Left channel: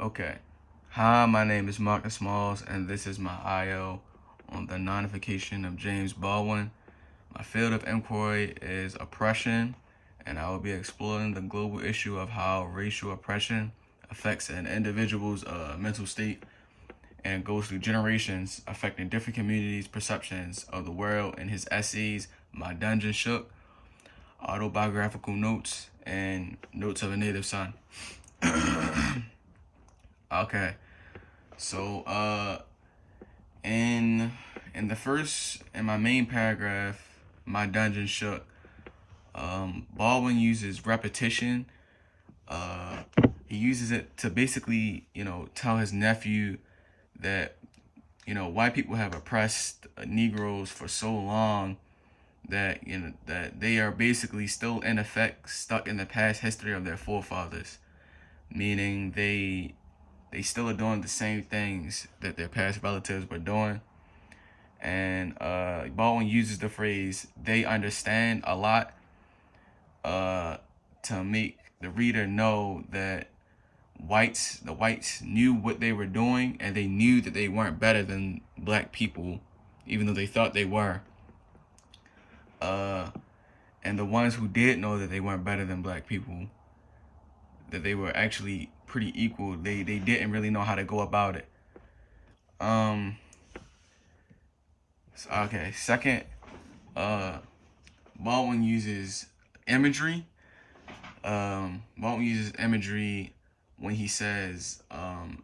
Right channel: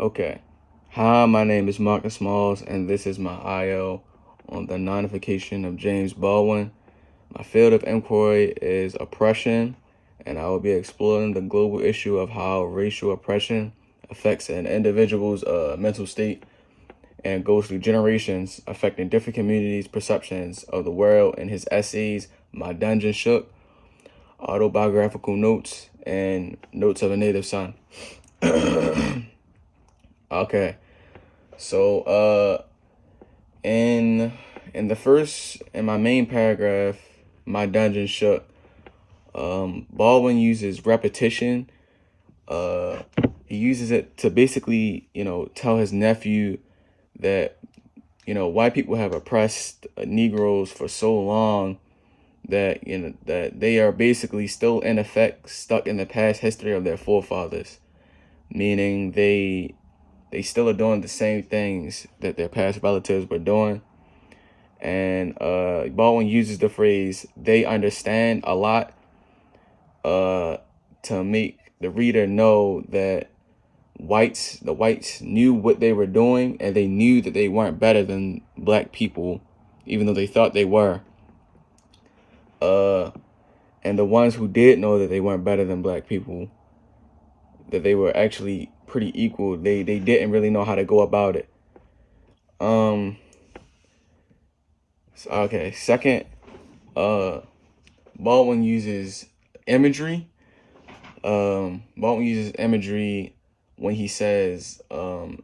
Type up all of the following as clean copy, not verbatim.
Okay. Hi, my name is Marcus Smalls, and this is my IO on the nonification of James Baldwin. My field of inquiry is oppression, and I will be exploring the global issue of how racial oppression affects an individual's mental state and goes through generations, affecting different communities' perceptions of the world in his essays, My Dungeon Shook, Autobiographical Notes, and Notes of a Native Son. Okay. So, in in my main paragraph, My Dungeon Shook, Baldwin uses repetition. Uh, he uses it to basically, tell his nephew that, white people have oppressed Negroes for so long that, that they are basically still in effect stuck in the past history of their forefathers, meaning they still are doing the same things that their past relatives were doing. And Baldwin uses the phrase "they understand" a lot to make the reader know that the whites knew what they were doing, and they knew that they weren't better than black people, even though they thought they were. And the ones who did know that they weren't better than black people, that they were actually pretty equal, they didn't really know how to go about it. Okay, second, Baldwin uses imagery. Baldwin uses imagery when he says,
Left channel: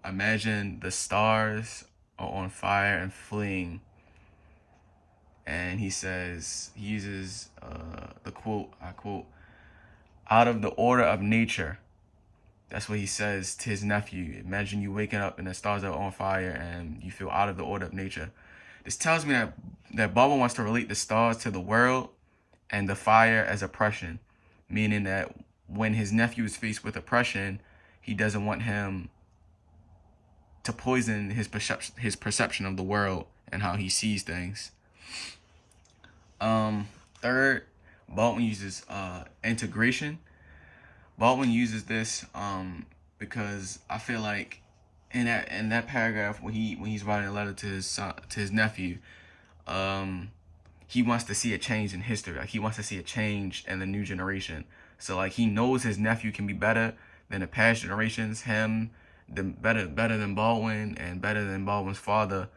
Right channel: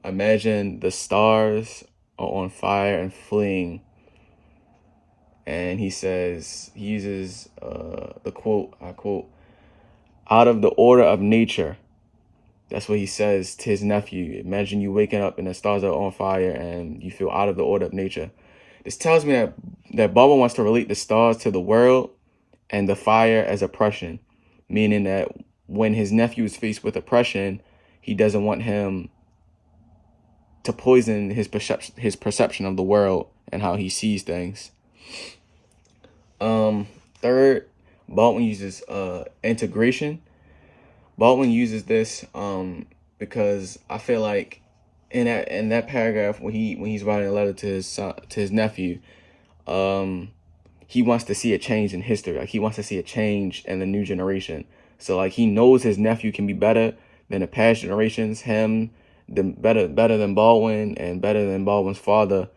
imagine the stars are on fire and fleeing. And he uses the quote, I quote, out of the order of nature. That's what he says to his nephew. Imagine you waking up and the stars are on fire and you feel out of the order of nature. This tells me that Baldwin wants to relate the stars to the world and the fire as oppression, meaning that when his nephew is faced with oppression, he doesn't want him to poison his perception of the world and how he sees things. Third, Baldwin uses integration. Baldwin uses this because I feel like in that paragraph when he's writing a letter to his nephew, he wants to see a change in history. Like he wants to see a change in the new generation. So like he knows his nephew can be better than the past generations, better than Baldwin and better than Baldwin's father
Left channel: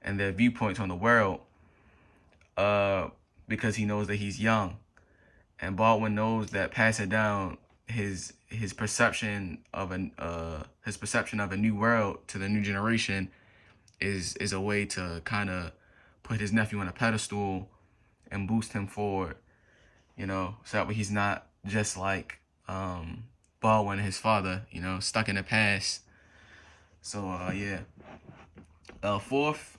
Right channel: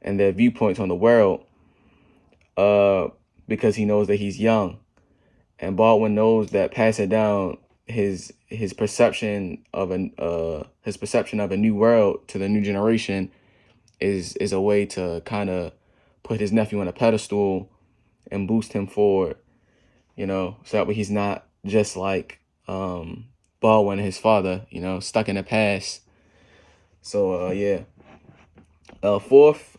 and their viewpoints on the world. Because he knows that he's young, and Baldwin knows that passing down his perception of a new world to the new generation is a way to kind of put his nephew on a pedestal and boost him forward, so that way he's not just like Baldwin and his father, stuck in the past. So yeah. Fourth,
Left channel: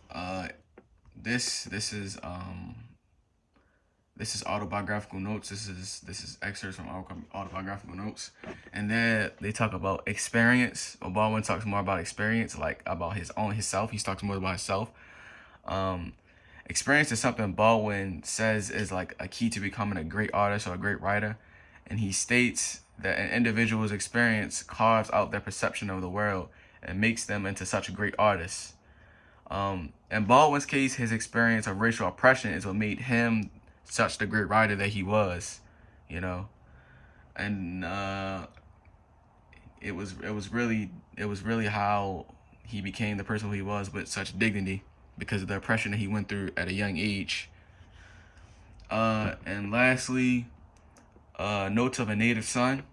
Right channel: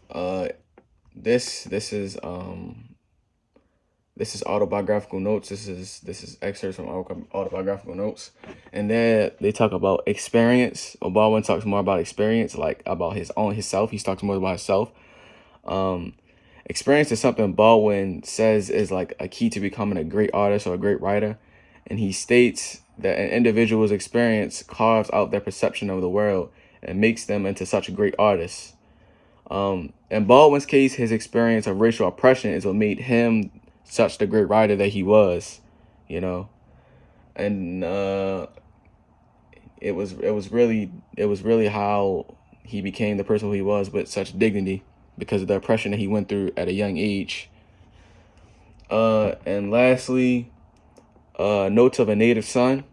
this is autobiographical notes. This is excerpts from autobiographical notes, and there they talk about experience. Baldwin talks more about experience, like about himself. He talks more about himself. Experience is something Baldwin says is like a key to becoming a great artist or a great writer, and he states that an individual's experience carves out their perception of the world and makes them into such great artists. In Baldwin's case, his experience of racial oppression is what made him such the great writer that he was, and it was really how he became the person who he was with such dignity because of the oppression that he went through at a young age. And lastly, Notes of a Native Son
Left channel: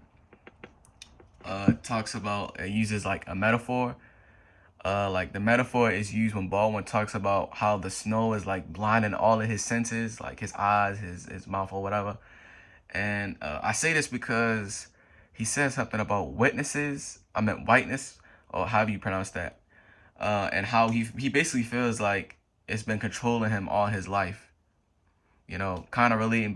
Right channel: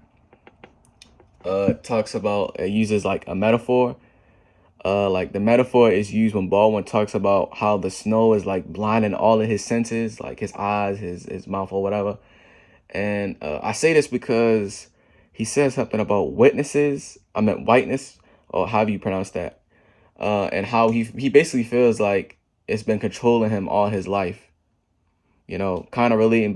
uses like a metaphor. Like the metaphor is used when Baldwin talks about how the snow is like blinding all of his senses, like his eyes, his mouth, or whatever. And I say this because he says something about witnesses. I meant whiteness, or how do you pronounce that? And how he basically feels like it's been controlling him all his life. Kind of relating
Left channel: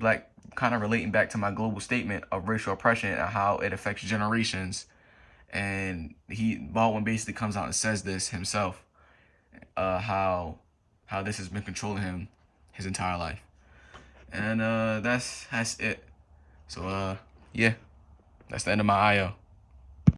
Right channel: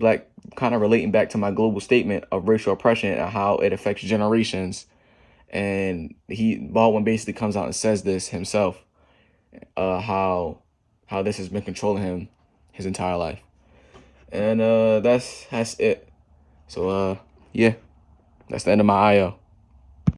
back to my global statement of racial oppression and how it affects generations. And Baldwin basically comes out and says this himself, how this has been controlling him his entire life. And that's it. So yeah, that's the end of my IO.